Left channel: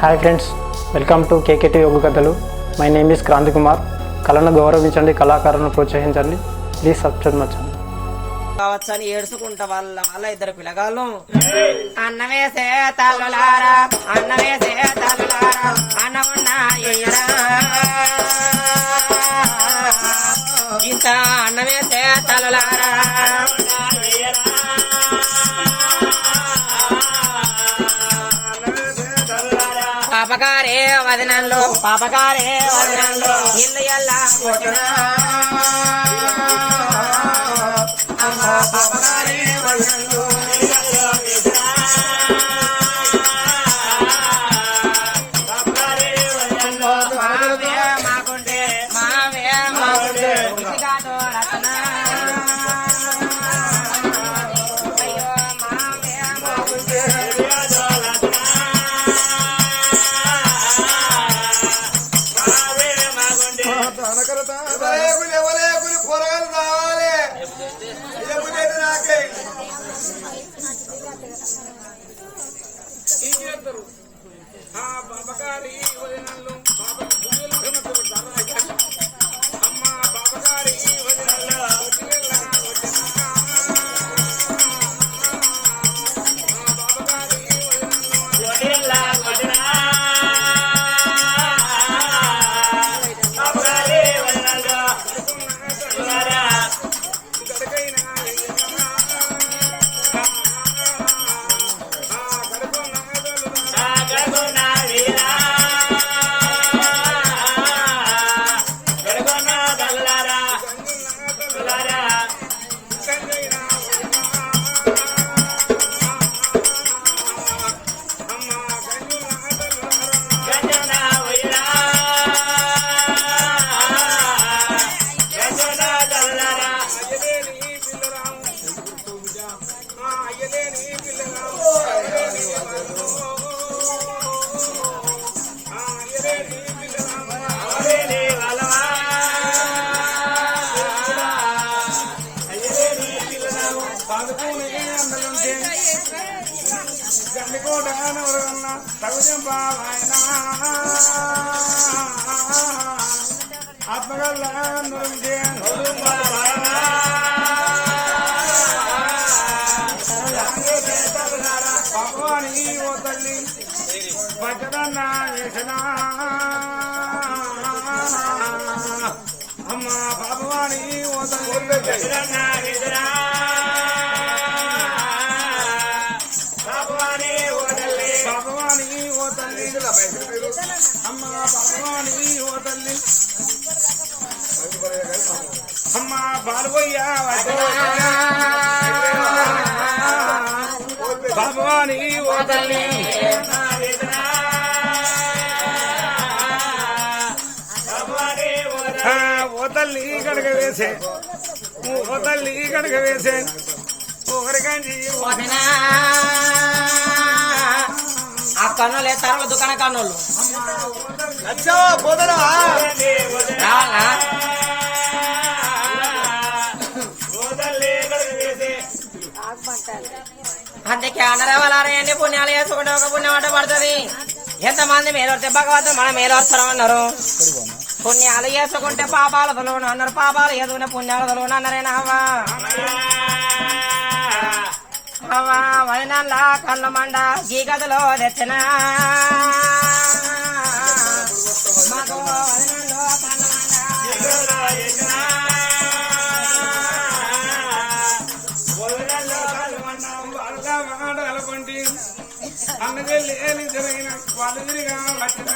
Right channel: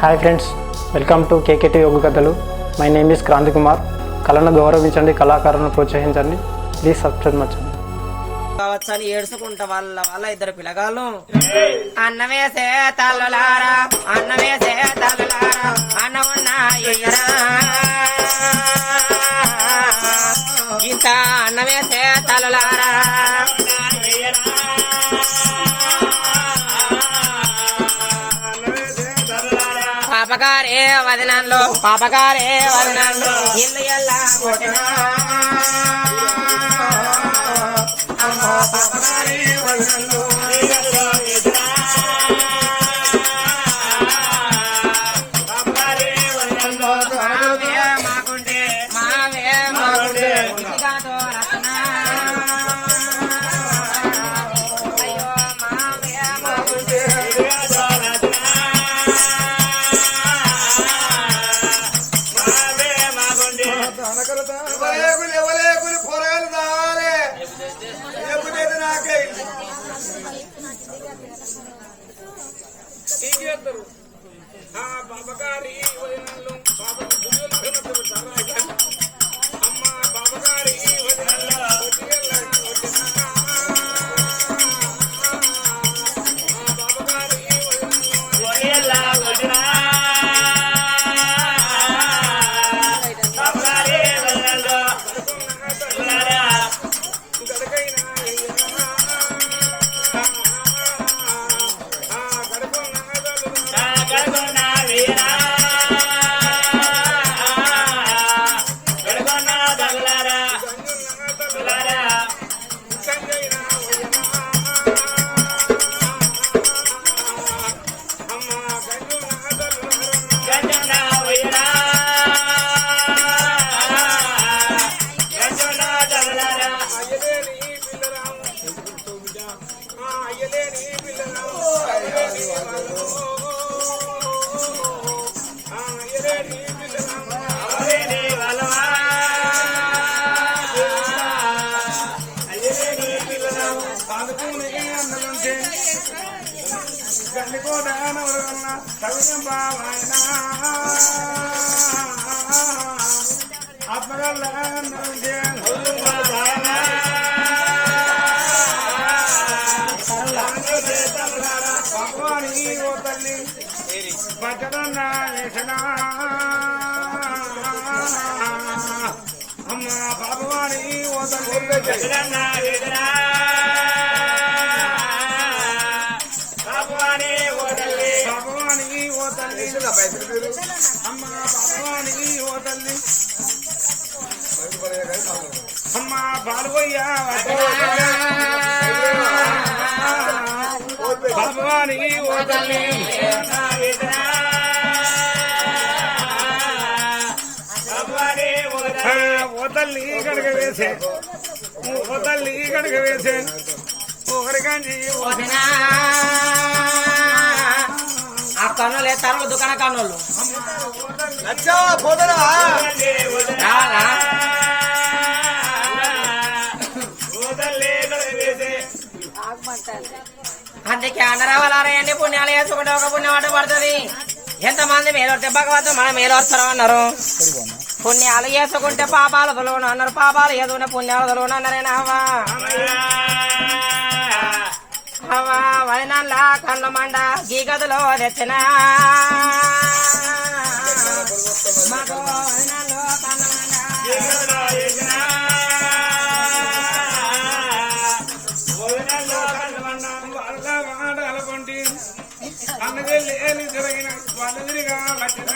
Hi friends, welcome to KKT యోగ కథలు. My name is Kranthi Kumar. కళను గౌరవించండి, కళాకారులను ప్రోత్సహించండి. Please subscribe మచ్చండి. కావచ్చని ఏడుచుకుంటా వాళ్ళ ఇద్దరు పిల్లగాళ్ళు అన్నమేసే తల్లులారా, అన్నమేసే తల్లులారా, అన్నమున్నా ఇంకా అన్నమేసే తల్లులారా, పాపగారే వదనంలో, పాపగారే వదనంలో ఇల్లు ఎల్లా కొట్టినా పాపగారే వదనంలో మాకుంటే మావే మాకుంటే కాదు రత్న అయ్యో మావే మాకుంటే బాబగారి వదినలు అమ్మ బాబగారి వదినల్లో బాబగారి వదినల్లో బాబగారి వదినల్లో గడకైనా అమ్మ భగవాని అమ్మ భగవాని ఓ తల్లి అమ్మ బాలవయ్య భగవాని ఓ తల్లి ఓ తల్లి కడగ వేసే, ఓ తల్లి కడగ వేసే ఓరికండి ఆ కన్నులే తరలు దుకాణ కన్నులు పోదరా అందుకే అన్నరావాలండి పుణ్యాలు వేసుకుంటే ఒక పుణ్యం అంట పడుతుంది. ఎంతమంది మీరు వస్తే భగవంతుడు మనం మీరు వస్తాం అన్నారు. పుణ్యాలు వేసుకుంటే పాపాలు తొలవను అన్నారు, పాపాలు ఏదో పుణ్యాలు తొలవను అన్నారేనా వదనల్లా కన్ను మండ ఈ గదిలో తెచ్చిన వదనల్లో కన్ను మండ అన్నదే లేని జరిగిన వదిలిగా వచ్చిన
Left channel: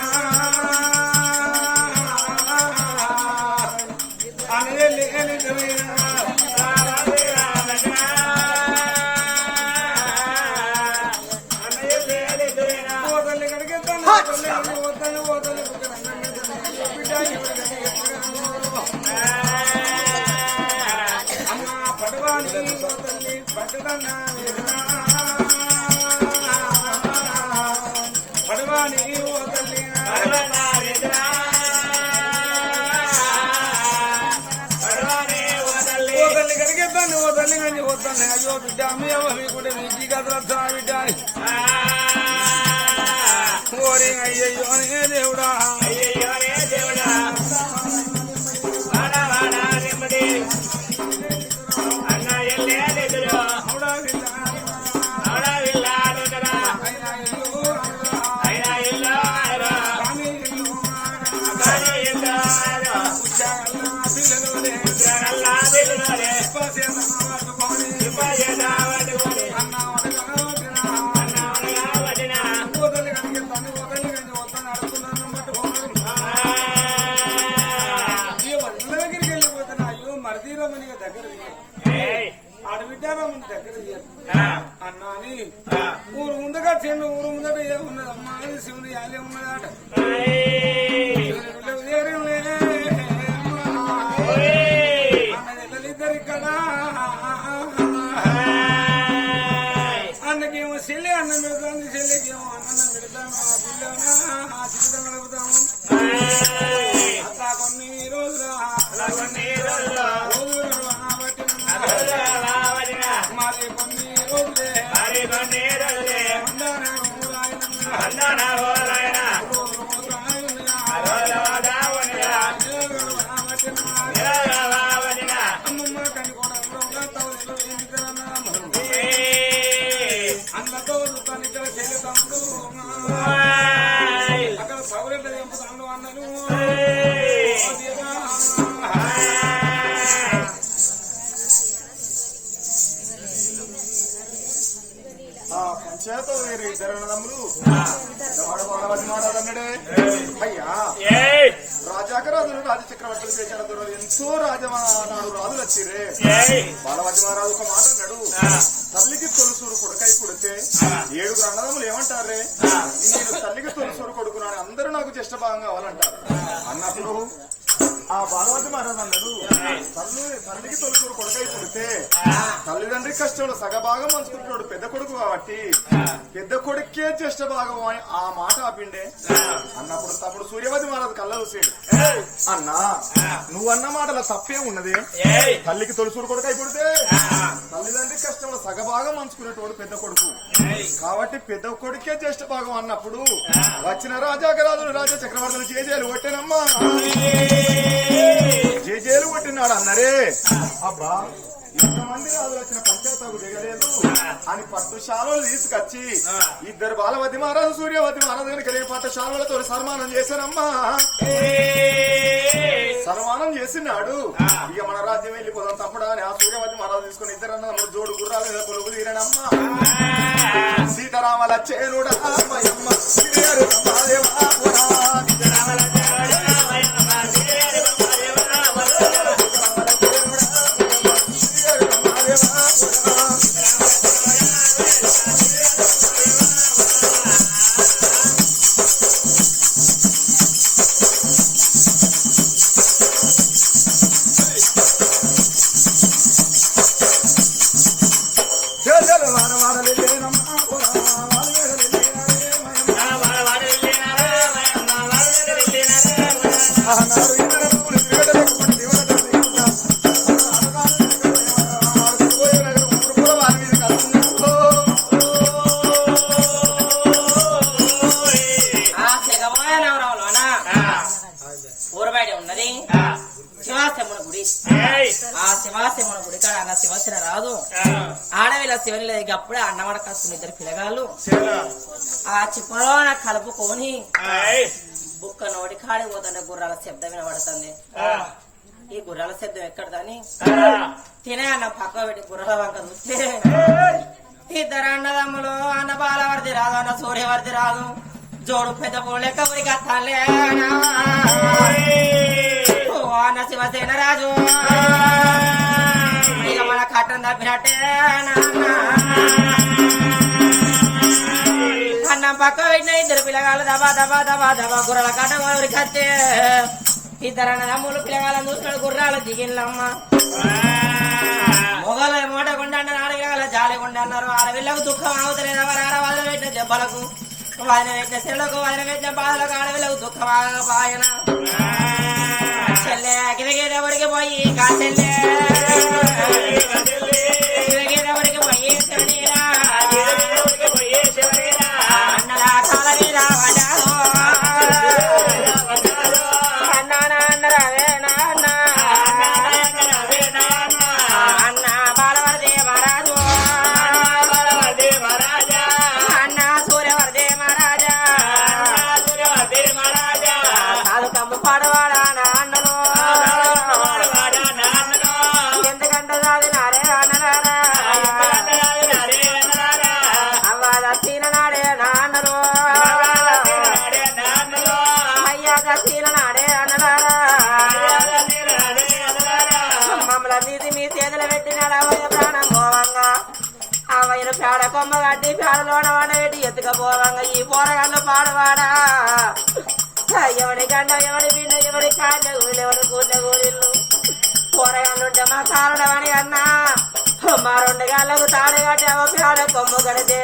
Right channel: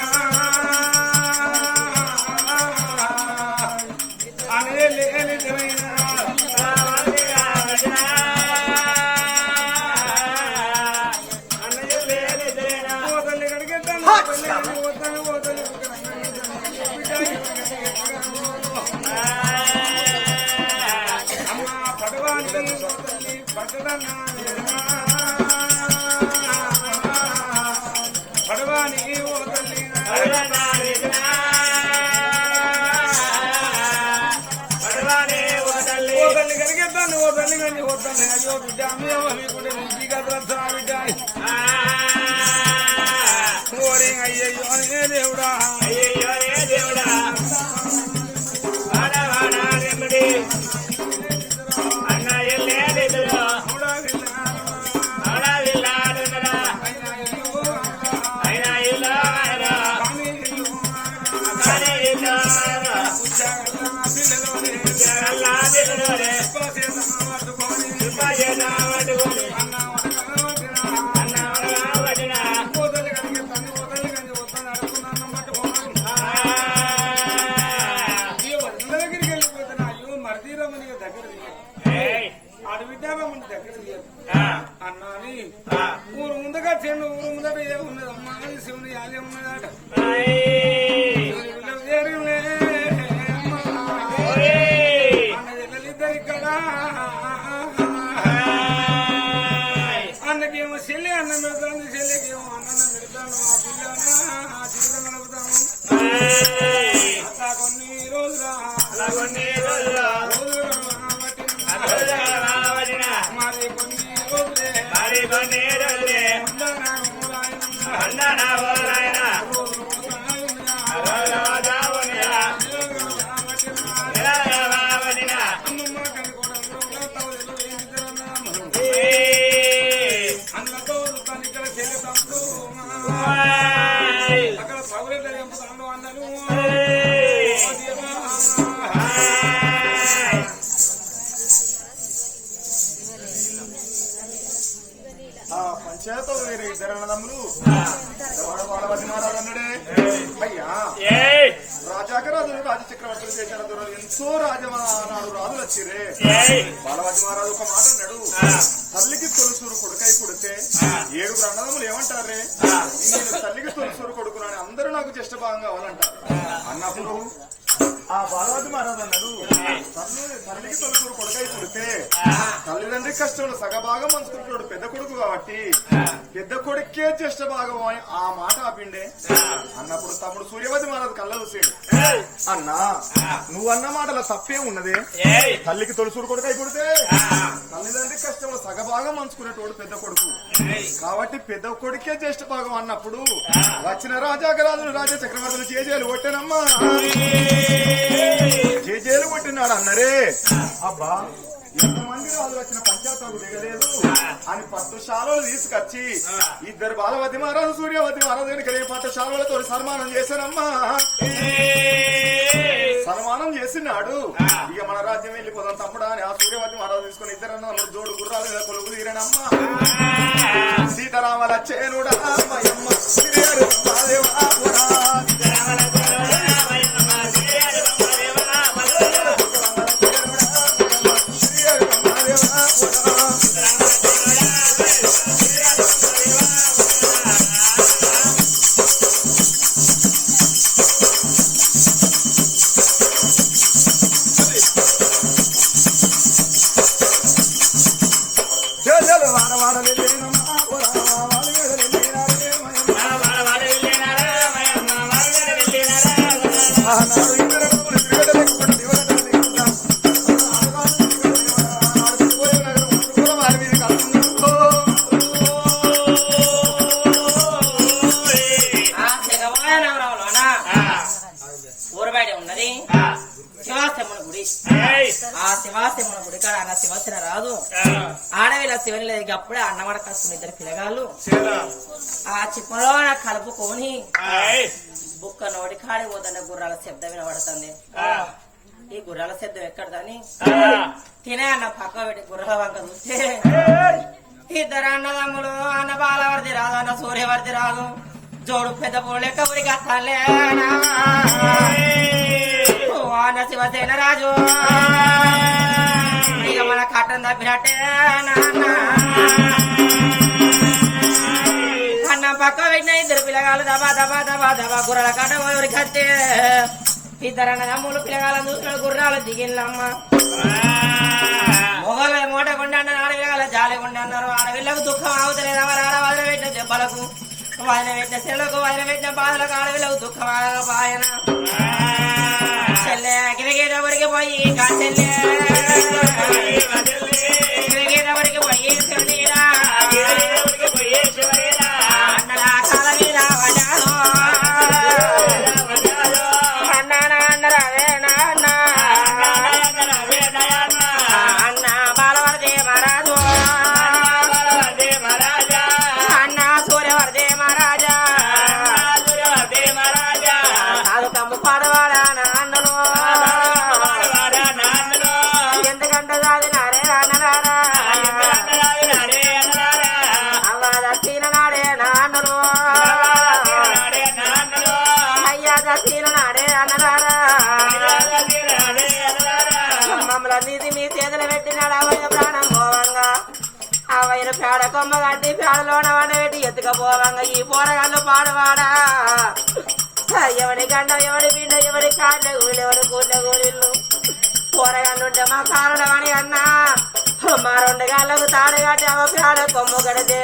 అన్నదే లేని జరిగిన అమ్మ పడవానికి పట్టదన్నా పడవాని ఓ తల్లి అయ్యో బిడ్డ అమ్మేమో మీకు బిడ్డ ఓరి అయ్యయ్యో అనే దేవుడా అయ్యయ్యోనే దేవుడా వాడ వాడ రెమ్మడి అన్న ఎల్లే దిగులు అవడా విల్లాడురా అయినా ఇల్లు ఆయరా కానీ ఇల్లు ఆయరా జగల్లా దిగులోనే ఇప్పజేదా వడుగులు అన్న వడిన అడవిద్దామని దగ్గర అన్నాని ఊరు ముందుగా చెల్లు ఊరు ముందట ఏమున్నదమ్మా శివుని యాలే ఉన్నదాట అన్నదిద్దరు ఇక్కడ అన్నకేమో చెల్లి అన్నం పెడతాను చెల్లికేమో అన్నం పెడతాను ఆ పిల్లనా ఆ జీవితం నడుపుతాము అట్లా కొన్ని రోజులు మరి కొన్ని రోజులే అన్నతో ఇక్కడ చెల్లి తమ్ముడు అక్కడ సౌకర్యం ఎంపుతాడు అన్నను పంచాయత వేరే ఇద్దరు అన్నదమ్ములు అన్నాడే అయ్యా రాజాకరాజులు రాజచక్రవర్తులు చేశారు ఎంతో రాజనాడు రాజులు వచ్చిరే బాలవాజి మహారాజు ఒక మాట అన్నాడు తల్లికి తొలుసూరు కొడుకై పుడితే 7 అన్నదమ్ములు ఏమంటారే నేను తల్లికి తొలుసూరు కొడుకున్నాను అందరూ నాకు జ్యేష్ఠ భాగం కావాలంటారు అన్నప్పుడు ఆ బాలవాజి మహారాజు అన్నాడు తల్లికి తొలుసూరు కొడుకై పుడితే తల్లిదండ్రి కష్టంలో సగభాగం పంచుకుంటున్నాడు పెద్ద కొడుకు కాబట్టి పెద్ద కొడుకే జ్యేష్ఠ భాగం ఆ మాట ఆపిండే అన్నప్పుడు తమ్ముడు సూర్యవతి మహారాజు కళ్ళ చూసాడు అన్నా నువ్వన్న మాటల తప్పే ఉన్నదే తల్లికి తొలుసూరు కొడుకై పుడితే తల్లిదండ్రి కష్టంలో సగభాగం పంచుకునేటోడు పెద్ద కొడుకు కాబట్టి పెద్ద కొడుకే జ్యేష్ఠ భాగం అన్నప్పుడు వచ్చిన రాజాకరాజులు రాజా చక్రవర్తులు చేజేలు కొట్టేనమ్మా జేజేలు కొట్టినాడు అన్నరే అబ్బా ఎంతమంది రాజులు వచ్చిన పంచాయతీకు దిగలేదు అని 10 శాలలు తీసుకొచ్చి ఇద్దరు బాలవతి మహారాజు సూర్యవతి మహారాజు కనుక రేపటి శాలలతో సన్మానం చేశారమ్మా సన్మానం చేసినాడు ఇక మన రాజ్యం వెళ్ళిపోదాం తప్పుడా అని ఆ సూర్యవతి మహారాజు తీసుకుని ఇద్దరన్నా జోడు గుర్రాలు మీద కొలుగు తీరనమ్మా సీతారామల చేరుడా శివాశివన గుడి కాడ అన్న శివశిన రాదు ఆడవిలా శివన్ లేదు అప్పుడే అన్నవాడ కాసుకుని 2 పిల్లగాళ్ళు ఆ చిప్పలో కలుపుకొని బుక్క నోటి కాడి పోతుండే గుర్రాల శబ్దం వినబడుతుంది ఈ గుర్రాల శబ్దం ఎక్కడదని తినే అన్న పక్క పెట్టి గుర్రాల వంక చూస్తే 2 అన్నదమ్ములు అన్న బాలవర్ది రాదు అన్న సూర్యవర్ది రాదు జోడు పెద్ద పోలేక ఉడికి వస్తానులే అన్న శివసేన రాజు ఇక మన కట్టం తప్పినట్టే అన్నం పక్క పెట్టిన 2 పిల్లగాళ్ళు దబా దబా దబా దబా గుర్రాల కట్ట ఉడికి వస్తే 2 అన్నదమ్ములు పిల్లగాళ్ళని చూసిన గుర్రాలు దిగిల్లమ్మ మొగల మూట గుండె ఆడవిల జాలి గుండె అన్నారు ఆడవిళ్ళకు దుఃఖం అవుతలేదు వదిలి పెట్టిన దెబ్బలకు వదిన పెట్టిన చెల్లకు వదిన పెట్టిన బాధలకు ఆడవిళ్ళకు దుఃఖం ఆగపాయన చెల్లె గిరిగేదవరికి పోయి కాచెల్లె గిరిగేదవరికి పోయి అన్నలా కాల మీద పడ్డాను పాడవాడా నాన్నను ఎందుకంటే సాధినారే అన్నరారా అవ్వ దక్షిణ నాడే నాన్నను అయ్యా దక్షిణ నాడే అన్నరారా మమ్మల్ని నీతి మీ చేతులు పెట్టినాడు అవయ్య ప్రాణం పోవంగా అవయ్య పేడ కొమ్మ కట్టి పేడలోన వండబెట్టి ఎత్తుకపోవంగా ఈ పోరగాళ్ళు పాడవాడా ఎవడి గండ ఎవడి పిండ ఎవడి కాళ్ళ గూళ్ళు ఎవడి కూర్ల గూళ్ళు పోరగాళ్ళుంటే మా కారణం అని అన్నా మా 2 గాళ్ళకు తాడు కట్టి అవ పేడ కొమ్ము కడితే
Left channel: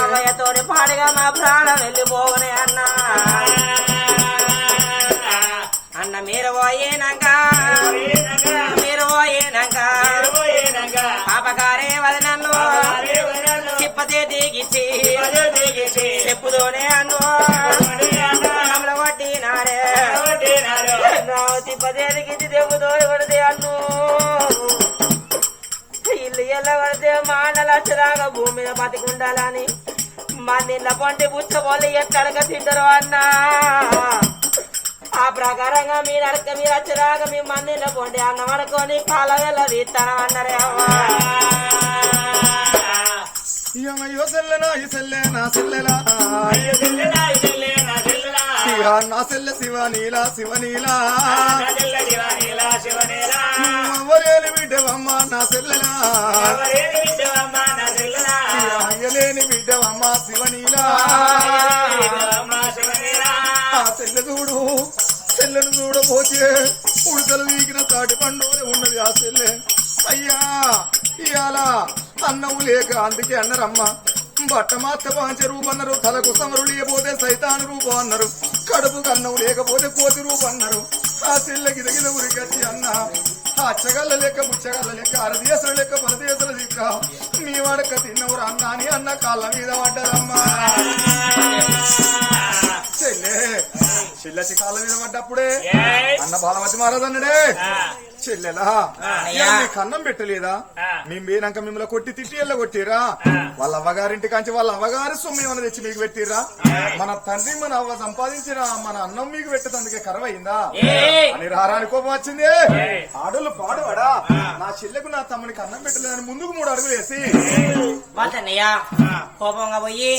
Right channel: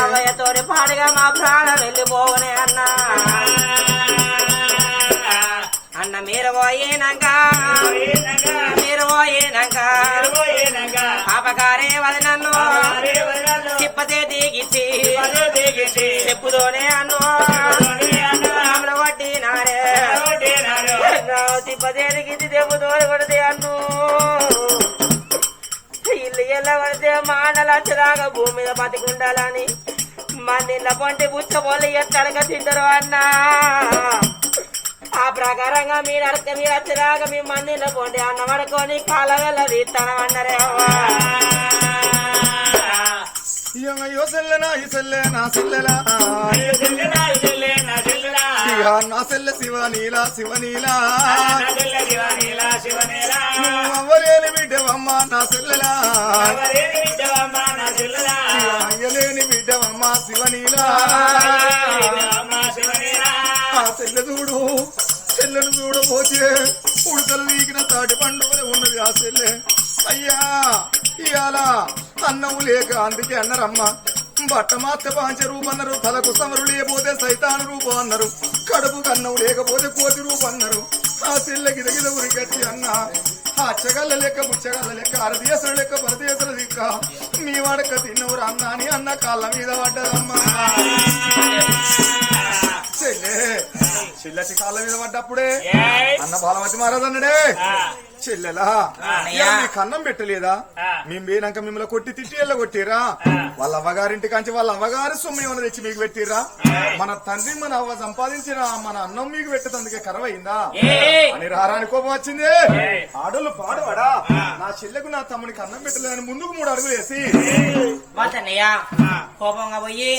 అవయ్యతోటి పాడుగా మా ప్రాణం వెళ్ళిపోవనే అన్నా అన్న మీరు పోయేనాక పాపకారే వదనన్ను తిప్పతే దిగిచ్చి చెప్పుతోనే అన్ను కొట్టినారే తిప్పతే దిగిచ్చి చెప్పుతో కొడితే అన్ను ఇల్లు ఎల్ల పడితే మాటలచ్చదాకా భూమి మీద బతికుండాలని మందిళ్ళ పొంటి పుచ్చబోళ్ళు ఎక్కడక తింటారు అన్నా ఆ ప్రకారంగా మీరు వచ్చేదాకా మీ మందిలో పోండి అన్న పడుకొని కాల వెళ్ళ తీస్తానం అన్నారే అవ్వా అయ్యో సెల్లెనా ఈ సెల్లె నా సెల్లెలా నా సెల్లె శివనీలా శివనీలా అవ్వలేని బిడ్డవమ్మ నా సెల్లెలా అయ్యలేని బిడ్డవమ్మ శివనీలా ఆ సెల్లెను చూడబోతే ఉడతలు వీకిన తాటి పండుగ ఉన్నది ఆ సెల్లె అయ్యా ఇయాల అన్నం లేక అందుకే అన్నారమ్మ బట్ట మాత్ర పాంచ రూపం అన్నారు తలకు సమరు లేకపోతే సైతాను రూపం అన్నారు కడుపు కన్నం లేకపోతే కోతి రూపం అన్నారు ఆ సెల్లెకి గిద ఉరికచ్చి అన్న ఆ అచ్చగల్ల లెక్క బుచ్చగల్ల లెక్క అరదేశుల లెక్క పరదేశుల లెక్క మీ వాడక తిన్నవరు అన్న అని అన్న కాళ్ళ మీద పడ్డదమ్మా చెల్లెచి కాళ్ళ మీద పడ్డప్పుడే అన్న బాలమతి మహారాజు అన్నాడే చెల్లెలా కన్నం పెట్టలేదా మేము పోయినాక మిమ్మల్ని కొట్టి తిట్టి కొట్టిరా వాళ్ళ అవ్వగారింటి కాంచి వాళ్ళ అవ్వగారు సొమ్ము ఏమన్నా తెచ్చి మీకు పెట్టిరా మన తండ్రి మన అవ్వ సంపాదించిన మన అన్నం మీకు పెట్టేందుకే కరవైందా అని రారాని కోపం వచ్చింది ఆడోళ్ళు పాడవాడా నా చెల్లెకు నా తమ్మునికి అన్నం పెట్టలేదని ముందుకు 3 అడుగులు వేసి వాళ్ళన్నయ్యా కోపంగా పోయి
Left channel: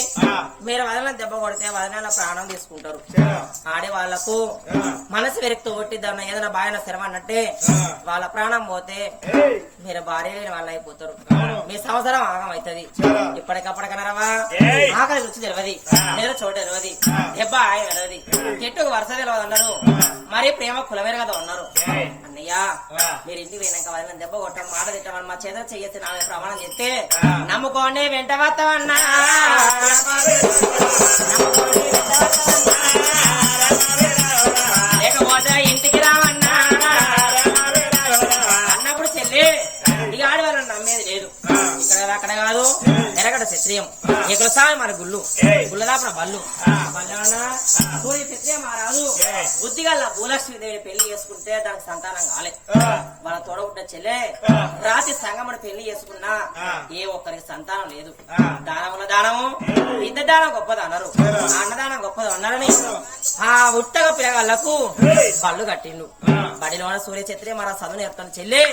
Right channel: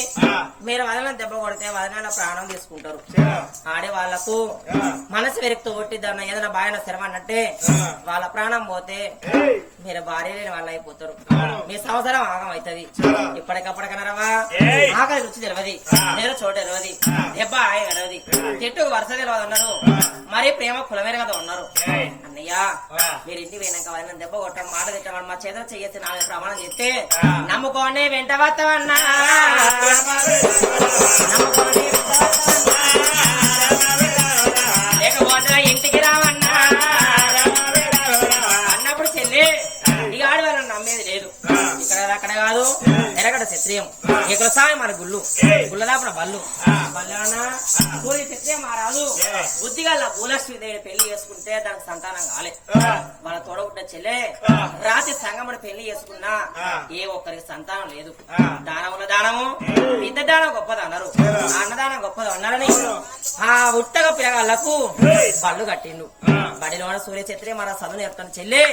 మీరు వదన దెబ్బ కొడితే వదనాల ప్రాణం తీసుకుంటారు ఆడే వాళ్లకు మనసు వెరెక్తూ కొట్టి దాన్ని ఏదైనా బాయన స్థిరమన్నట్టే వాళ్ళ ప్రాణం పోతే మీరు భార్య లేని వాళ్ళు అయిపోతారు మీ సంవత్సరం ఆగం అవుతుంది ఇప్పటికప్పటికనరవా ఆకలి రుచి తెలియదు ఏదో చోటు తెలియదు దెబ్బ ఆయ తెలియదు చెట్టు వరుస తెలియదు అన్నారు మరి ప్రేమ కులవేరు కదా ఉన్నారు అన్నయ్య మీరు ఇంటి పోయినాక వాళ్ళని దెబ్బ కొట్టడం మాట తిట్టమని మా చేత చెయ్యొచ్చు నాలుగు ప్రమాణం చెప్తే నమ్ముకోండి వెంట వస్తామన్నా నమ్ముకోండి లేకపోతే ఇంటికి రావన్నా అన్నప్పుడు చెల్లి ఇది ఆడవాళ్ళని నమ్మేది లేదు ఇక్కడ అక్కడ కాదు ఎరగడ క్షత్రియం ఇక్కడ సామి మన గుళ్ళు గుళ్ళదాపన బళ్ళు బళ్ళానా సూర్య క్షత్రియం మారాదు బుద్ధిగా భూలక్ష్మీదేవి పెళ్లి చేసుకుంటే దానికి సంతానం కాలే మన తోడబుడ్డ చెల్లె రాత్రి సంగమని పెళ్లి చేసుకున్నా ఏ ఒక్కరికి సంతానం లేదు దానముల దానము విద్య దానం గొప్పది అన్నారు అన్నదానం గొప్పది అన్నారని ఆ ఉత్తగా పిల్లగాళ్లకు బళ్ళు కట్టిండు బడిలో సూర్య క్షత్రియం మన చదువు నేర్పుతాను చెల్లి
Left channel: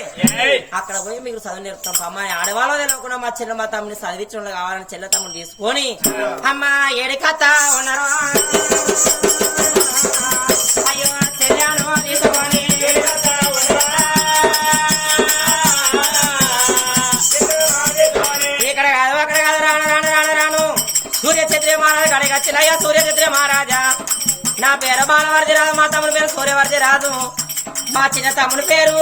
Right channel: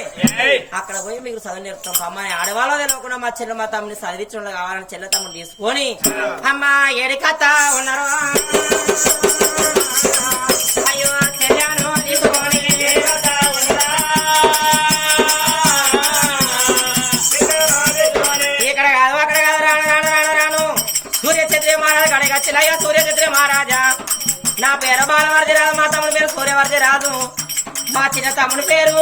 అక్కడ పోయి మీకు చదువు నేర్పుతాం అమ్మాయి ఆడవాళ్ళ తెలియకుండా మా చెల్లె మా తమ్ముని చదివించడం కావాలని చెల్లె తమ్ముడు తీసుకొని అమ్మా ఏడికత్త ఉన్నారు అయ్యో చెల్లెను తీసుకొని ఇక్కడ కాదు అక్కడ కాదు రాను సూర్య క్షత్రియ మహారాజు కడిగి వచ్చినయ్యా సూర్య క్షత్రియ మహారాజా నా పేరు బాలవర్ది రాదు మా తమ్ముడి పేరు సూర్యవర్ది రాదు మా చిన్న తమ్ముడి పేరు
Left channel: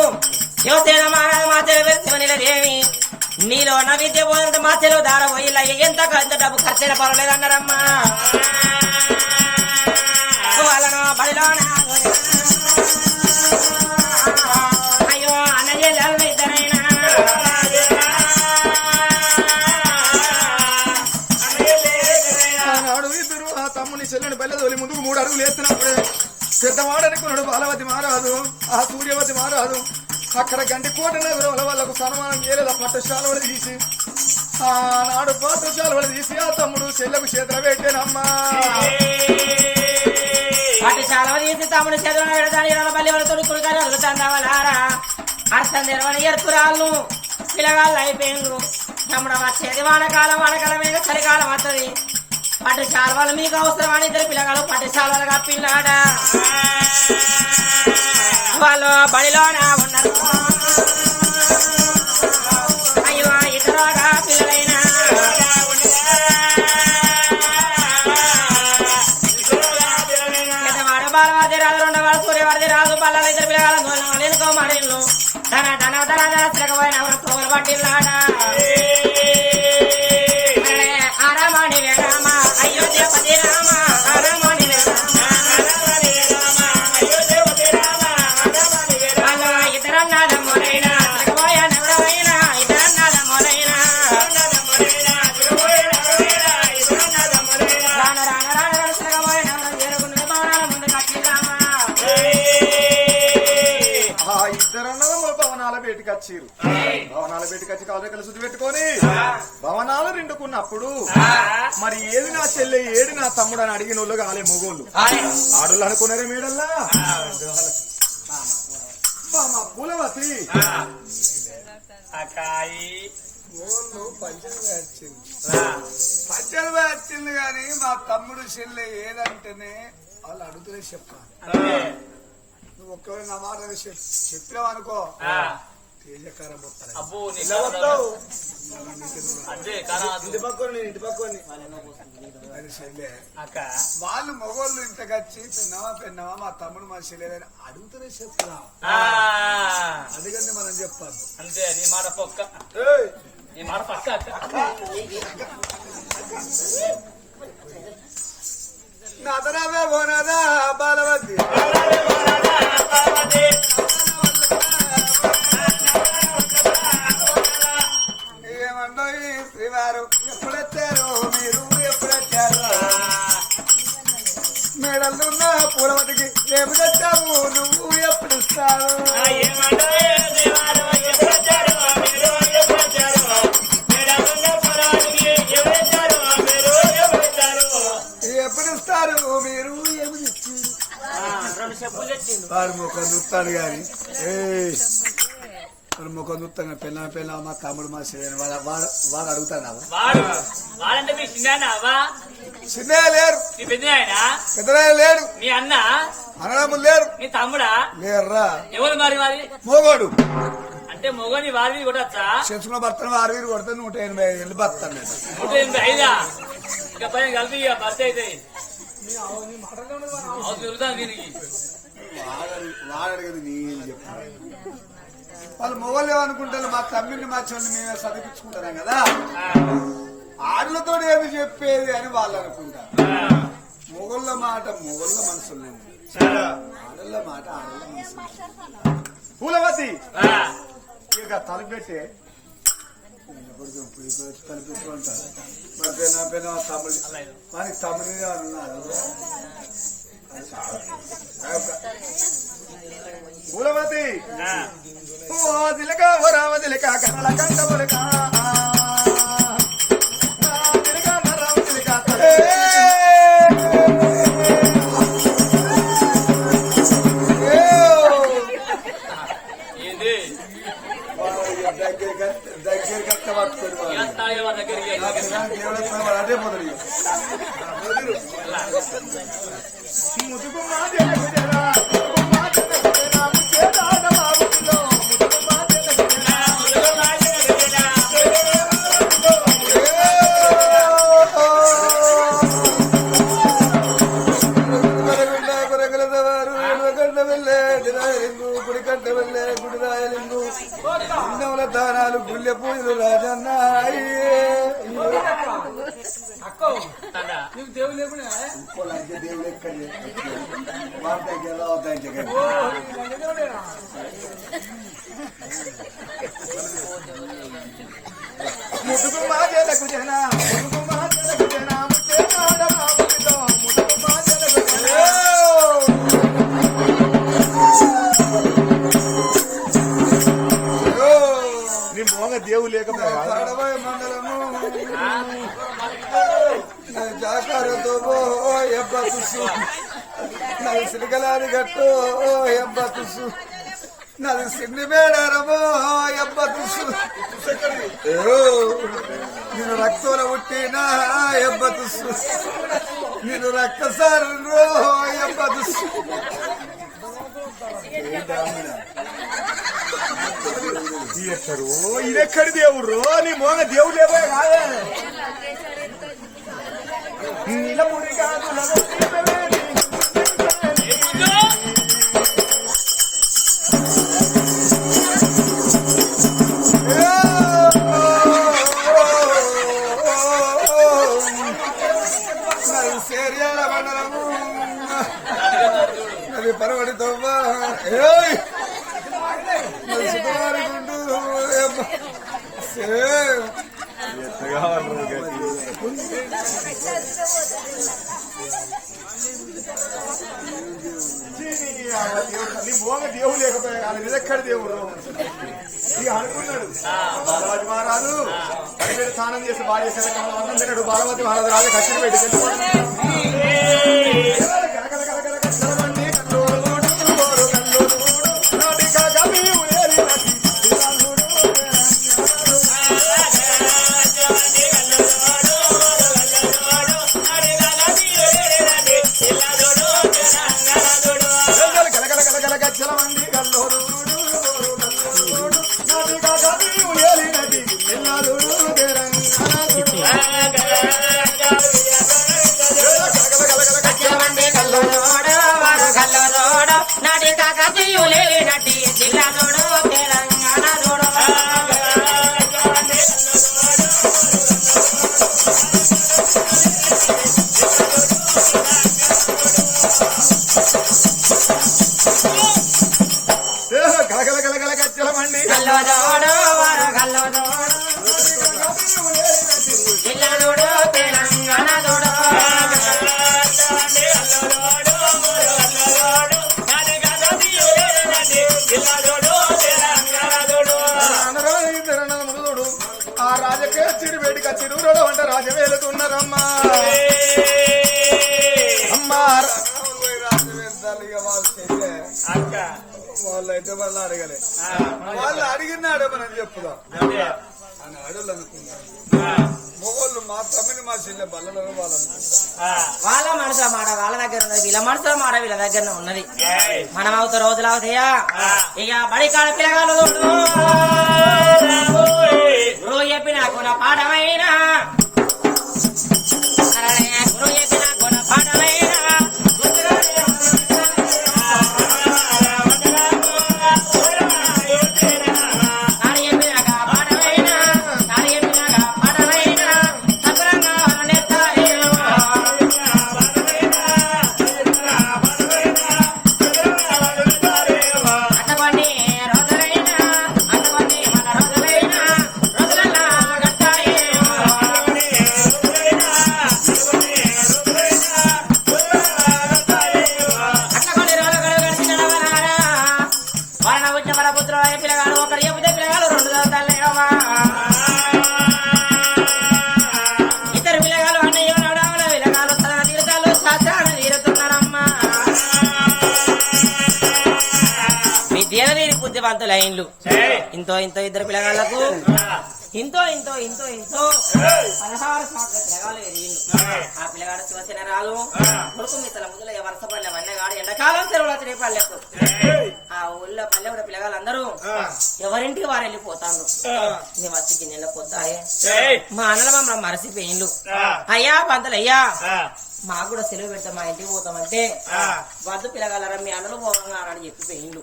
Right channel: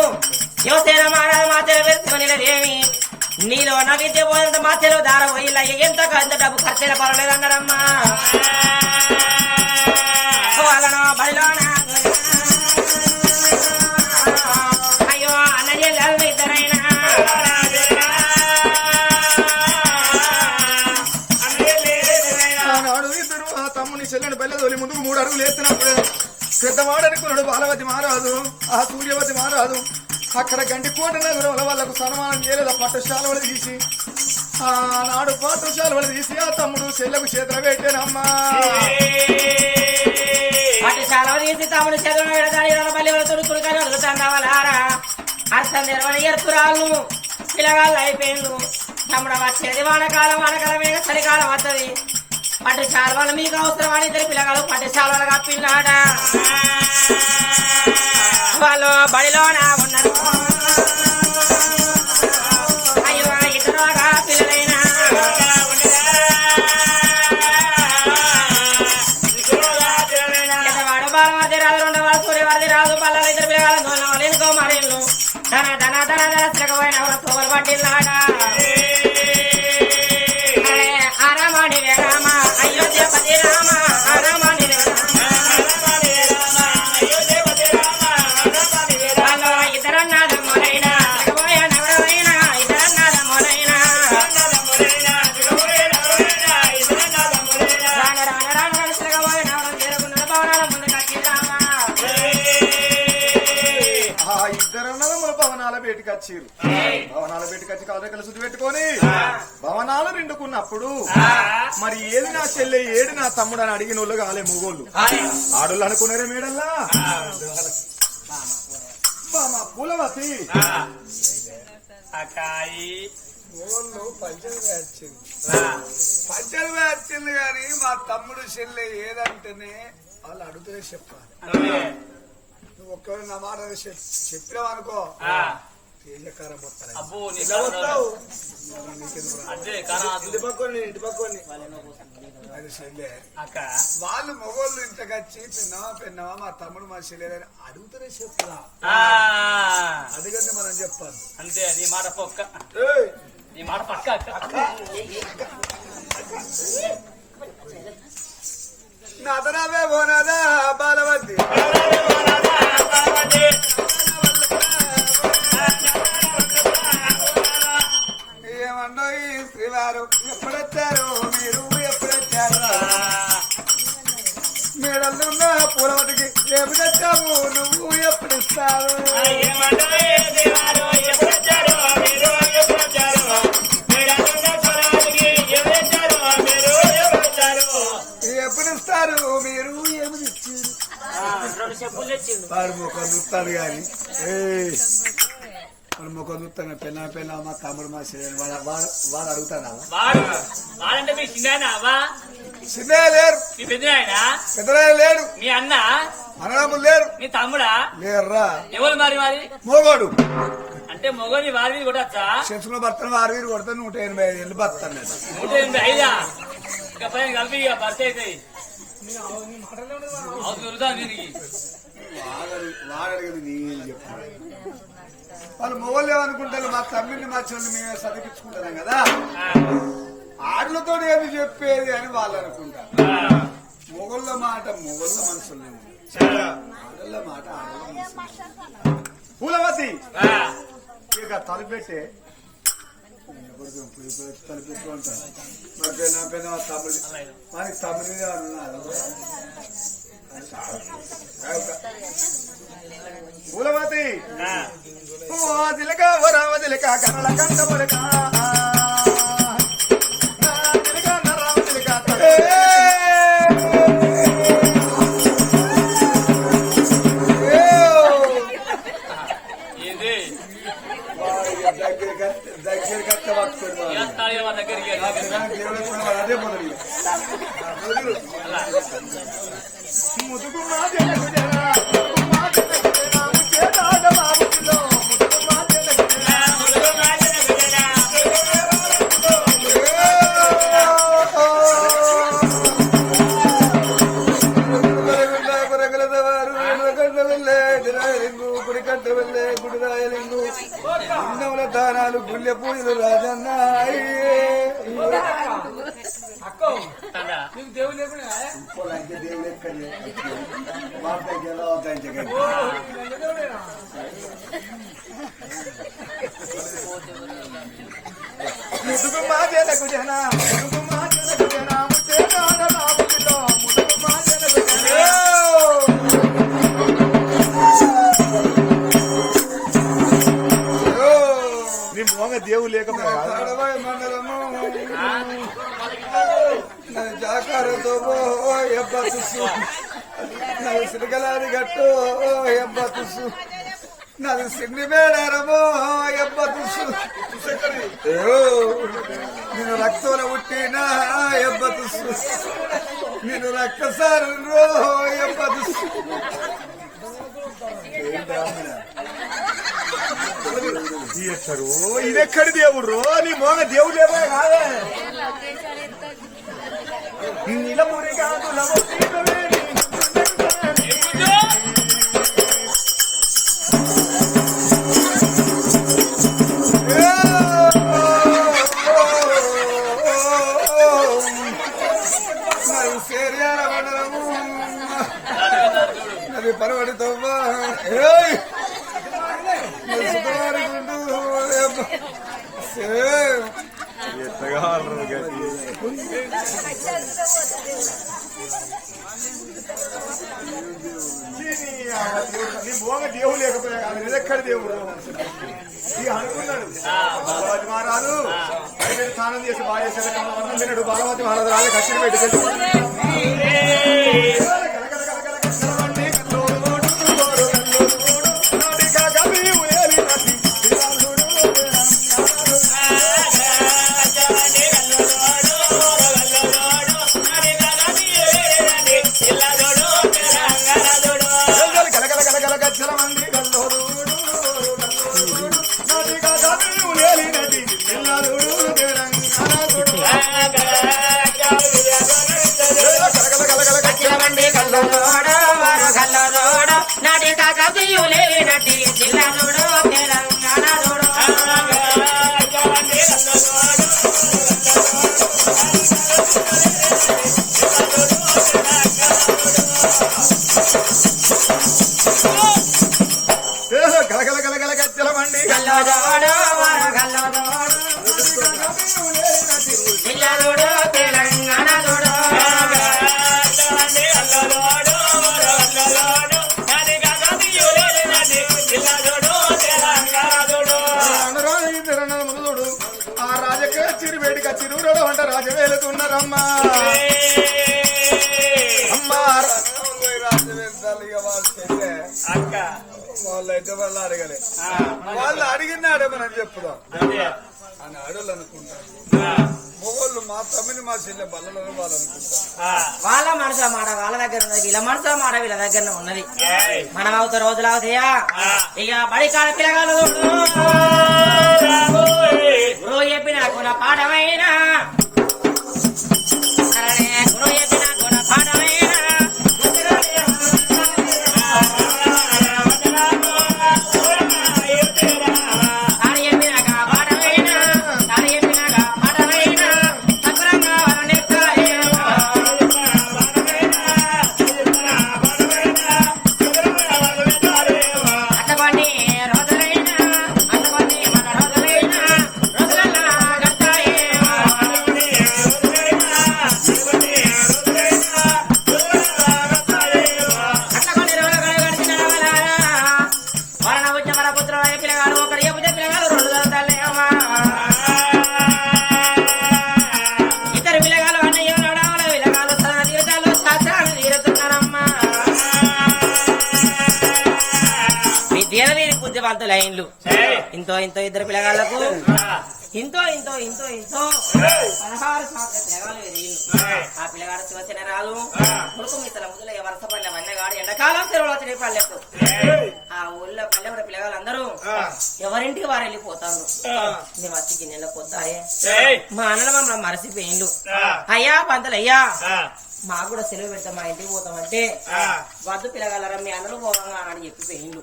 శివసేన మహారాజు మా చెల్లి పేరు శివనీలదేవి నీలో నా విద్య పోదంటే మా చెరువు దార పోయిలా ఎంత డబ్బు ఖర్చైన పర్వాలేదన్నారమ్మా వాళ్ళను బడిలోనా అయ్యో అన్నయ్య ఇద్దరైనా ఆనాడు ఇద్దరు ఆ తమ్ముని చెల్లెని బయలుదేరి ముందుకు 3 అడుగులు వేస్తున్నప్పుడే పెద్దవాడనుకున్నాడు బాలవతి మహారాజు ఆ సూర్యవతి మహారాజు అక్కడ గంటి కోట నగరం వాళ్ళకు సన్మానం చేయలేదు ఆ పట్టశాలవలు తీసి ఆనాడు పాఠశాలవలు తీసి ఆ తమ్ముడు చెల్లెకు చేతులు పెట్టానమ్మా పట్టశాల తీసి తమ్ముడు చదువు పెడతాను ఇరవై పల్లి వరకు తురుకాలు వదులుతాందావలారా అర్థం తెరవని ఎరుపురాళ్ళు పిల్లగాళ్ళు అయిపోయిండ్రు తమ్ముడు వచ్చేది వానకాలమే చలికాలం వస్తుంది పట్టుశాలవాళ్ళు మీకు అవసరమని ఇద్దరు పిల్లగాళ్ళు పట్టుశాలలు కప్పిందాడా వాళ్ళు బడిలోన ఉన్నారు అయ్యో ఇద్దరుగా పిల్లలైనా వాడు బాలవాది రాదు రెండవాడు సూర్యవాది రాదు బల్లాలు ఇద్దరు పిల్లగాళ్ళు ఎనుకో మరిళ్ళు ధన ధన ధన ధన తిరగబోయిన తోలు పట్టిల్లాడా ఆరామాడి రామ అయోధ్యపతి రామ ఆరామాడి ఇద్దరన్నాదమ్ముడైనా తిరగబోయాడెవరైనా ఇద్దరన్నాదమ్ముడైనా రాన రాన రాన రాన తిరగబోయిన చేరుకున్న భవనాల ముందు కట్టిరామా ఇద్దరన్నదమ్ముల భవనాల బయటికి వచ్చిర్రు భవనాల బయటికి వచ్చి కాదకలు శుద్ధి పెట్టుకొని భవనాలు రెండుకున్నప్పుడు మరి ఏది నా చెల్లె ఏడు నా తమ్ముడు అని అడిగిన వాళ్ళు కాలే మొగోళ్ళు ఆడోళ్ళు అనుకున్నారే మేడల్లా మా పూలవతి మొగోళ్ళు పంచలు వచ్చింది కానీ మా తమ్ముడు చెల్లె ఏదంటేనే వాళ్ళు అడుగుతూనే చెప్పాలి నువ్వు ఒక్కరు నా మాట చెప్పినావు అనుకో తేజకారం ఇంటి పక్కని అది చెల్లె వాళ్ళు మొగోళ్ళు ఇంతకొచ్చి పెన్నవా మా తమ్ముడు మా చెల్లెలని అడుగుతూనే చెప్పురా అందుకని మనం చెప్పాలి అంతే నీ మాట పక్క నీ మాట పక్క నాదనావే పోనాదా బాలవతి ఏమన్నా ఈ శ్రీవారు ఎప్పుడొచ్చారు మీరు ఎప్పుడొచ్చారు మేడలున్న పూలవతికి రేపు తెచ్చాము నువ్వు ఎప్పుడు ఇస్తావు ఎప్పుడు ఇస్తారు మీరు ఏమి తెచ్చారు వాడు ముఖం చూస్తాడు కానీ వాడు ముఖం చూస్తాను పెళ్ళ మా తమ్ముడు మా చెల్లెలు వాడు అడుగుతాడా వాడంటే మీ చిన్నాయనవా చిన్న లేరు నీ పెద్ద ఆయన పెద్దరాయ లేడు నీ అన్న అన్నదమ్ములు లేరు నీ తమ్ముడా లేరురా ఎవరు మరి మరి మోగోడు అంటే మొగని వారి మీద కొట్టచ్చా చెంచుకున్న భర్తను 6,000 కొడితే 185 ఏళ్ళు భర్తాను 185 ఇంకా పైన కలిపి ఇక భర్త అవుతాయి దొరుకుతాను దీనికి వాగడిగది నేను చెప్పాను వాళ్ళు మొగోళ్ళు ఏమనుకుంటారు మా తమ్మిని మా చెల్లి మేము చదివించుకుంటాం కదా ఆడలతో ఏమి చెప్పేది అని వాళ్ళు అనుకుంటారు మొగోళ్ళ మాట మొగోళ్ళ మనసులో ఆడళ్ళ మాట ఆడళ్ళ మనసులో పూలవతి ఇక తలపెట్టే తలపెట్టు అంటారు మరి నా పెద్ద తమ్ముడు మనకి తమ్ముడిగా ఉన్నారు పూలవతి జిలక రామ జిలక కన్నడ కంటములక దగ్గర కట్ట పట్టుకోండి అదే మొదలు ముదుగు గుడిరాయలింగు అందముల దానాలు గుళ్ళె పూజలు రాజన్న ఇంకో లంచ దేవుడు ఎక్కడి వాళ్ళకి ఎలా అవుతాయి ముదుగు మాజలకు జన ముదుగు మాజలకు జన ముచ్చేనాడ రాముడితో ముదుగు మాజలకు జన నీ మోగ దేవు లేకపోతే మండలము జాకారతో తుస్సు నాది సిరికలారి గట్టు ఎబ్బ తుస్సు నాది సిన్ని మేడారమో ఎబ్బ తుస్సు నేను రక్తంలో పుట్టినా ఎబ్బ తుస్సు నేను రక్తసారు ఎబ్బ తుస్సు ఇదెక్కడి దేవుడు నీ మోగ దేవుడు ఏమో కాదే నీలమురి కాదు సేరియాల మండలము నది పరవడితో సుతవారి గుండు నీ మోగ దేవుడు లేకపోయా ఇదెక్కడి దేవుడు అనుకున్నాడు బాలవతి మహారాజు పరివేరు స్నానం చేసి భార్య కమలవంతం తిన్నాడు బాలవతి మహారాజు రాజు కచ్చిని పెట్టి ఆ రాజకే చిరువేడిక చిరువులో అంట రాజవేలుతున్నారమ్మా అమ్మా వాళ్ళు అయితే వాళ్ళు అడగలే వాళ్ళు అడిగినాడే మనం చెప్పుదాం అని అడవులు అనుకుంటారు మొగోళ్ళు మా తమ్మిని మా చెల్లె బల్లలో వాళ్ళు అనుకుంటారు వాళ్ళ మనసు మాట వాళ్ళ దగ్గర ఉన్నది వీళ్ళ మనసు మాట వీళ్ళ దగ్గర ఉన్నది మనం అవుతా రోజులు అవుతాయా ఇక బడి కాల పిల్లగాలు గురువు చెప్పిన కొన పాఠమైనా గురువు చెప్పిన కొన పాఠమైనా లైన్లు ఇంతో ఇంతో ఇద్దరు పిల్లగాళ్లకు ఇంతో ఇంతో ఇంతో ఇంతో 16 పిల్లగాళ్ళు ఎదిగిళ్ళు ఆ పిల్లగాడు శివసేన రాదు కొడుకు మిత్రుల ముందులో వరుస పడిన వన్నగాడు ఎండాకాలం సెలవులు తిరిగి పల్లెకు ఆ ఊళ్ళో పల్లె కూడా పిల్లగాళ్ళందరూ ఎవరింటికి వారు వెళ్ళిపోతాను మేము వచ్చి గిన్నెలో పోతాయే మా అన్నల మమ్మల్ని మరసిపోయిండు అయ్యా పంతులు అయ్యా మాకు కూడా సెలవు పెడతాం మా ఇంటికి పోతామంటే వద్దు పిల్లగలరా మీ అన్నలు పోవంగా అని చెప్పిపోయిండు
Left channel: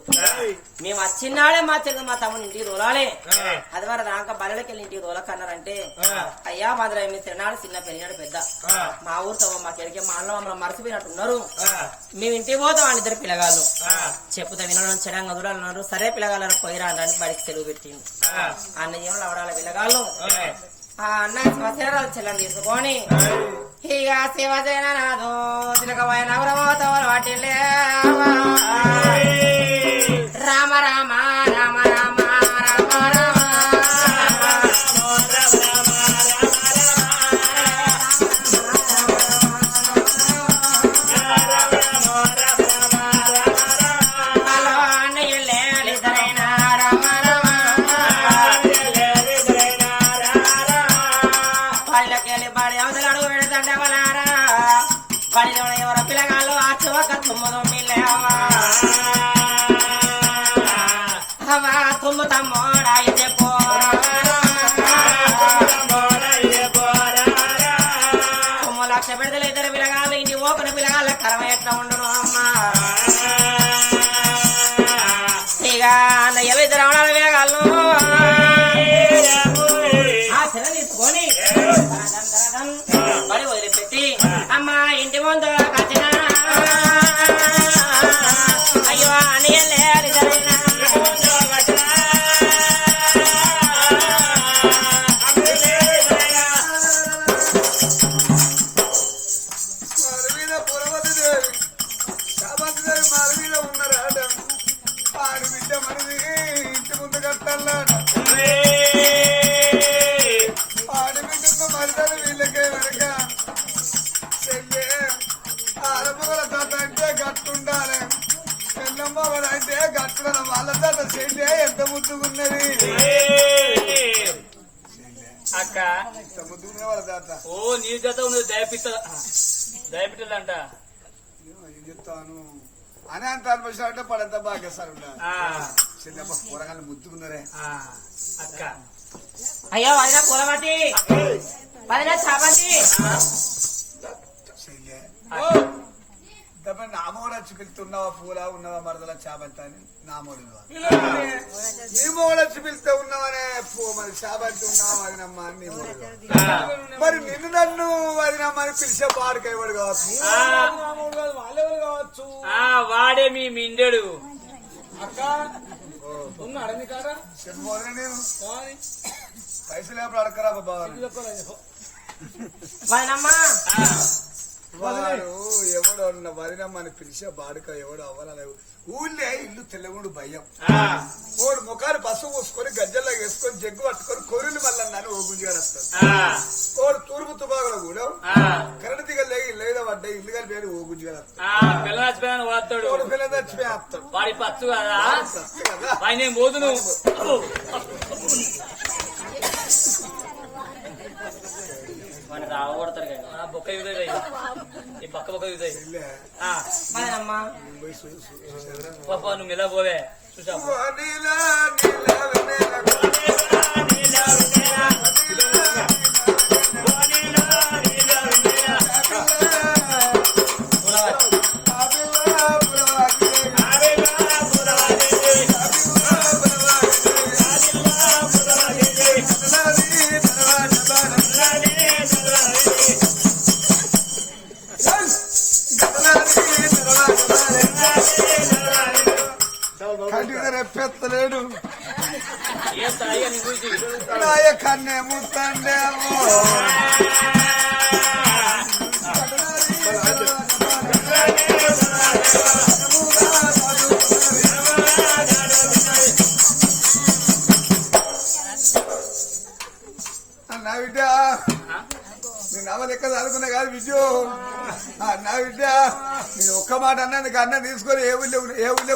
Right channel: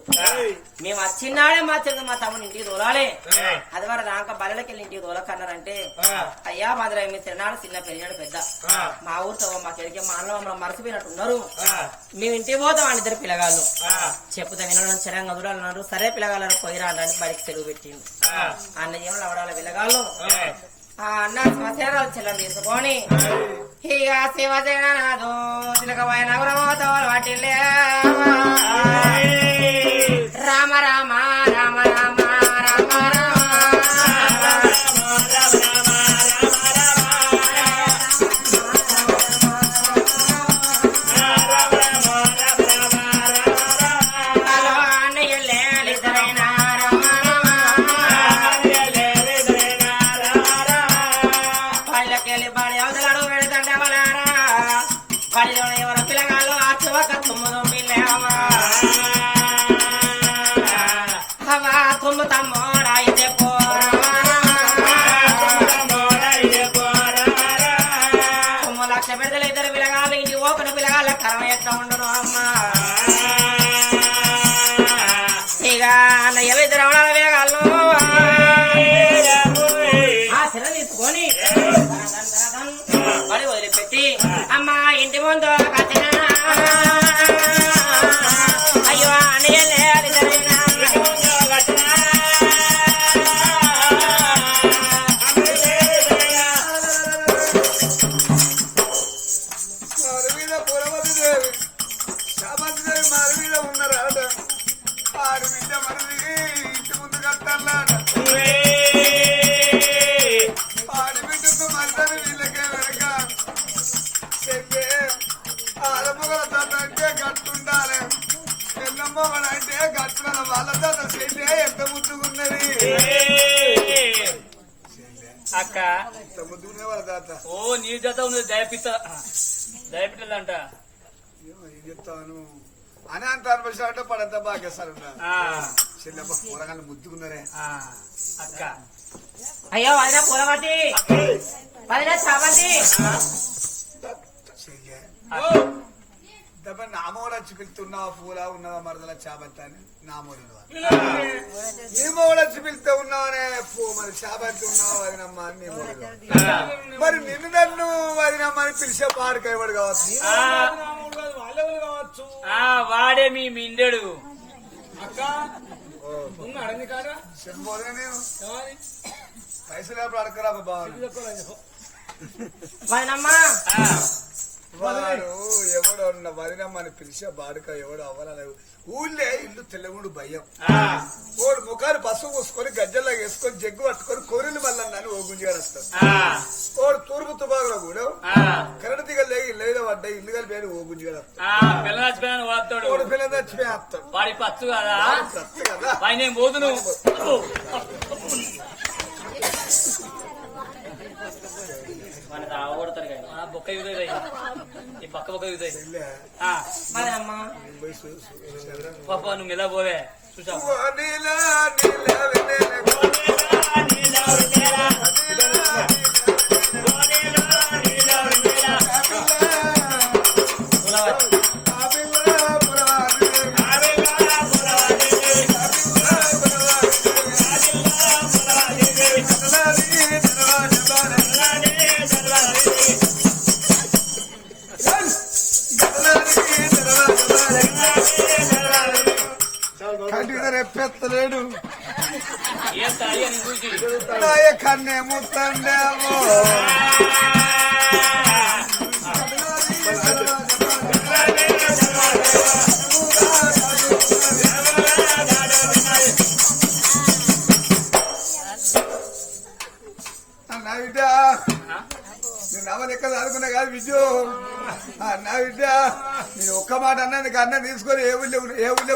మేము వచ్చినాడే మా చెల్లి మా తమ్ముని ఇంటికి తోలాలే అది వరకు దాకా బల్లెకి వెళ్ళి ఇంటికి తోలకన్నారంటే అయ్యా మాదిరి మీ తిన్నాడు చిన్న పెరిగాడు పెద్ద మా ఊరితో మా చెల్లికి మా అన్న మమ్మల్ని మరచిపోయినట్టున్నారు మేము ఇంటికి పోతాం అని ఇద్దరు పిల్లగాళ్ళు చెప్పుతా వినడం చెడంగా దూరాలన్నారు సరే పిల్లగాళ్ళని పోయిరా అని బడికి సెలవు పెట్టిండు అన్నయ్య అవడాల పిల్లగాళ్ళు ఆ అన్న శివసేనాలు చెల్లం తీసుకొని ఇక శివసేన నాదో తిలకమైన నగరమోతో వాటిల్లే రామ రామ రామ రామ రామ రామ తుమ్మును మిల్లేవా అవా తుమ్ము తమ్మోడాయితే పోరా తుమ్ము లక్ష పెడతలు ఇద్దరు పిల్లగాళ్ళు ఇంటి ఓపెన పిల్లగాళ్ళ కరవ ఎట్లా ఉండును అమ్మా ఇక అన్నయ్యలు ఇద్దరు అవడాల పిల్లగాళ్ళు ఆ పిల్ల తీసుకొని బడి వదిలిపెట్టి అమ్మా ఇంటి ముందు కట్టిన అయ్యో అన్నయ్యలే అది జరిగిన మారి మీద పురవతి దేవి శాపతి దేవి మారి మీద ఉన్నారాట ఆడి బిడ్డ మనది ఇంటి ముందు కట్టాలట ఆడి బిడ్డకు మరిదని వీళ్ళకే వెనక చెల్లె ఆడపగల తాత అంటే గట్టుండాలి పెద్దమ్మగల అంటే గట్టున వాళ్ళ తాత చెల్లె ఎంత ముద్దుకున్నది అక్క ఎంత ముద్దుకునే వాళ్ళ తాత ఓ నీ జత ఉంది దయపిట్టలంట ఏం చెప్తాను అని అంత అనిపించాలంటే పడంత బాగేస్తారు చెల్లెమ్మ కూరగాయలు ముద్దుకున్నారే అక్క అయ్యో వదిన పూలమతి వదిన చాపతి చెల్లె దెబ్బ నామోడు వచ్చి పిలుతున్నావా పూలా ఉన్నావా మరదల చాబంత అని నామోడు నీ మోడు వచ్చి పిలుస్తూ ఉన్నావనే మరి చాబంతి ఉన్నావా వదినమ్మా అని నీ మోడు మరి నిన్ను నన్ను వదినమ్మ అని పిలిచే పాడుకైవాడు కావచ్చు వాళ్ళెవరు కావచ్చు వాడే మీ మిండెడు చెప్పబోదే నేను పైసలు ఎప్పుడు అడగరా బాబా వదినమ్మా వాడు ఎవడో వరినమ్మని పిలిచే బాడుక ఎవడో అవ్వాలని ఊళ్ళే ఇల్లు తెల్లగుడు భయం ఓడు ముఖాలు పసుపు పూసుకొని గజ్జల్లా వేసుకొని జగ్గు పట్టుకొని కొరులు మళ్ళీ ఓ గుంజిగా వస్తాడు ఓడు తూర్పు తుబాకులో కూడా కరెంట్ దిగలే ఇల్లు మీద పడ్డాయి ఇల్లు కలిపి ఓ గుంజిగా వస్తాడు పిల్ల చచ్చిపోయాను వాడతాడు ఓడు పిల్ల చచ్చిపోయి వస్తాడు వాడి పచ్చు కదా సత్తు కదా పైన నేను పోదును బొక్క యూదయ్య ఈ పక్క బొక్క యూదయ్య చెల్లె, వదినమ్మా పోయి చూడు. పాప నువ్వు ఇలా పోవే చూసావు ఓ నీలా నీలా వెన్నెల కంటిగా రెప్పెత్తలేడు ఏం తాయి అని చూసి నాయ కన్నే ముత్తండేమో నా బిడ్డ నేను నవ్వ లెక్క చదువుకున్నా కాదు విద్యు నా బిడ్డ నేను ఒక్క మాట అన్నందుకు అన్న తీసుకొని ఏ ఊళ్ళో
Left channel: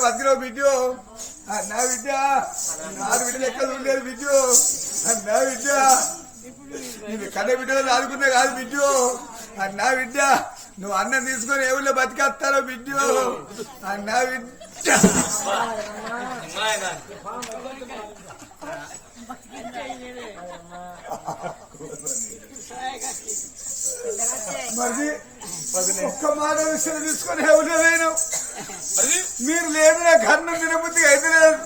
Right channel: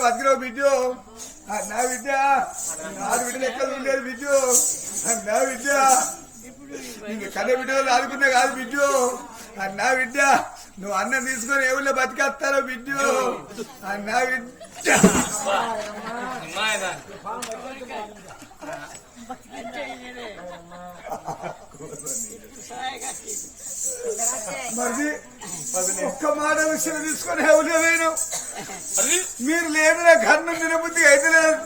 బతికినావు విద్యు నా బిడ్డ నాలుగు బిడ్డ లెక్క ఉండేది విద్యు నా బిడ్డ నేను కన్న బిడ్డ చదువుకున్నా కాదు విద్యు నా బిడ్డ నువ్వు అన్నం తీసుకొని ఏ ఊళ్ళో బతికేస్తారో విద్యు నా బిడ్డ మరి ఒక్క మాట విషయం తీసుకొని ఎవరు నేను మీరు లేదు నా కన్ను తినబుద్ధి అయితే లేదు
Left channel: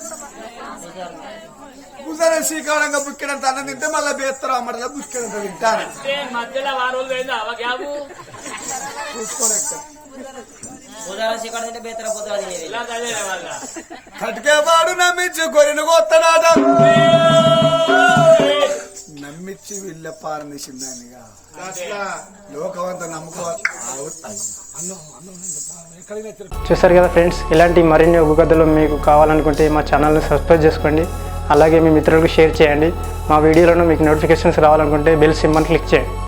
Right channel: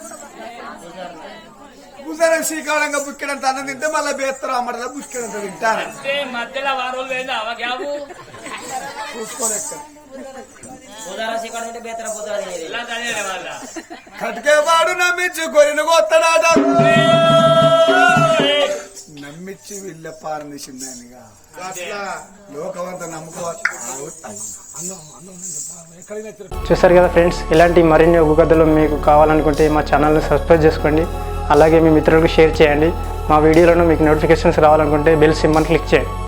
కుదర శ్రీకాళంగా బుక్కినంత అన్నం తింటే మళ్ళీ బేస్తారు అమ్మడదా బుక్కినంత తింటాను అంటే మధ్యలో వారం రోజులు పోయింది అవ గ్యాబు చూసుకోలేక ఇలా చదివే వాళ్ళ కటికేవాడు నమ్మించి కొరిన కొత్తనాట నమ్మించి వీళ్ళ పారనిసిందానిగా లోకమంతా నమ్మకం చూస్తారు కదా ఫ్రెండ్స్, ఇలాంటి మరిన్ని ఒగ్గు కథలు మీకు కావాలనుకుంటే మా ఛానల్ని సబ్స్క్రైబ్ చేసుకోండి. అలాగే మీ మిత్రులకు షేర్ చేయండి. మా వీడియోలను మీకు నోటిఫికేషన్స్ రావాలనుకుంటే బెల్ సింబల్ క్లిక్ చేయండి.